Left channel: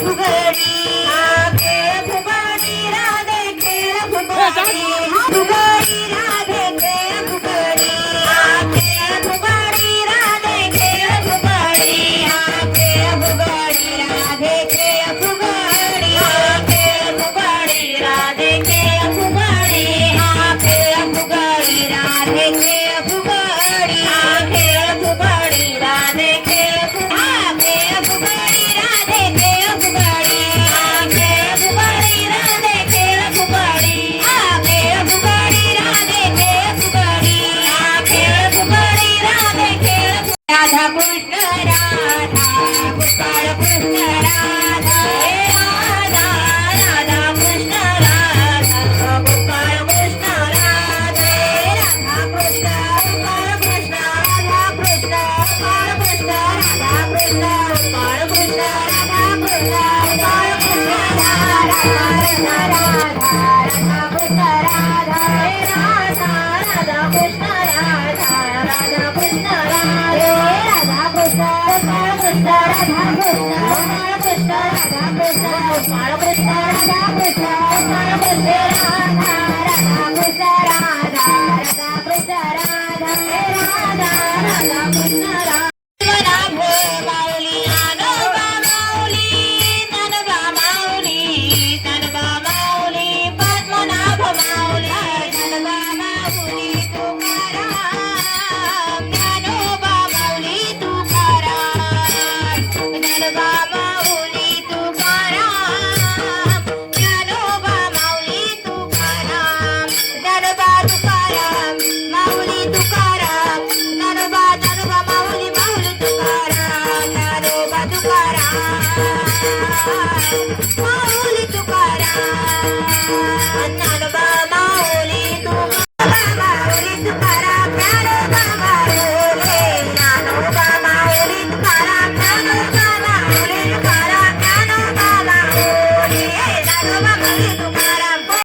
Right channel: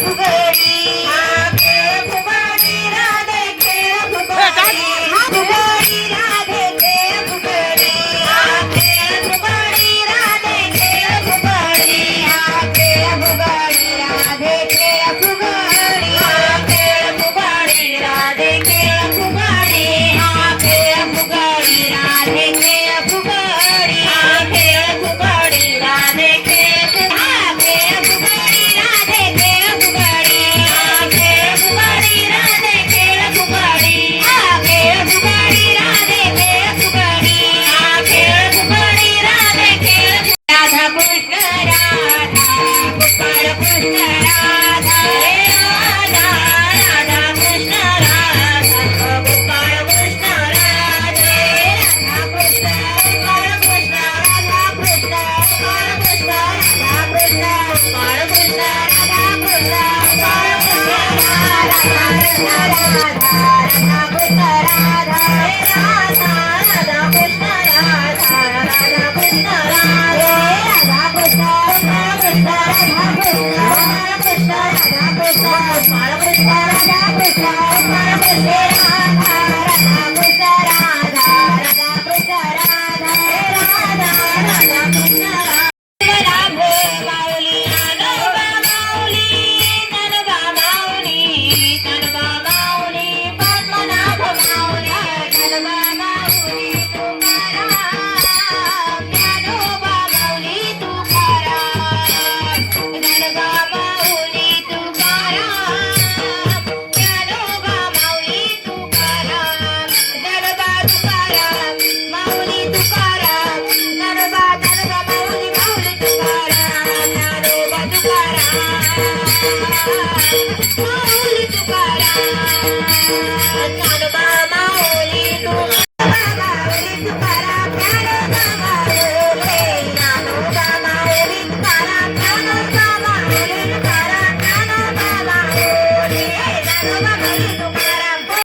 புகழடி Krishna, Radha, Radha, Radha, Radha, Radha, Radha, Radha, Radha, Radha, Yeah. Bye.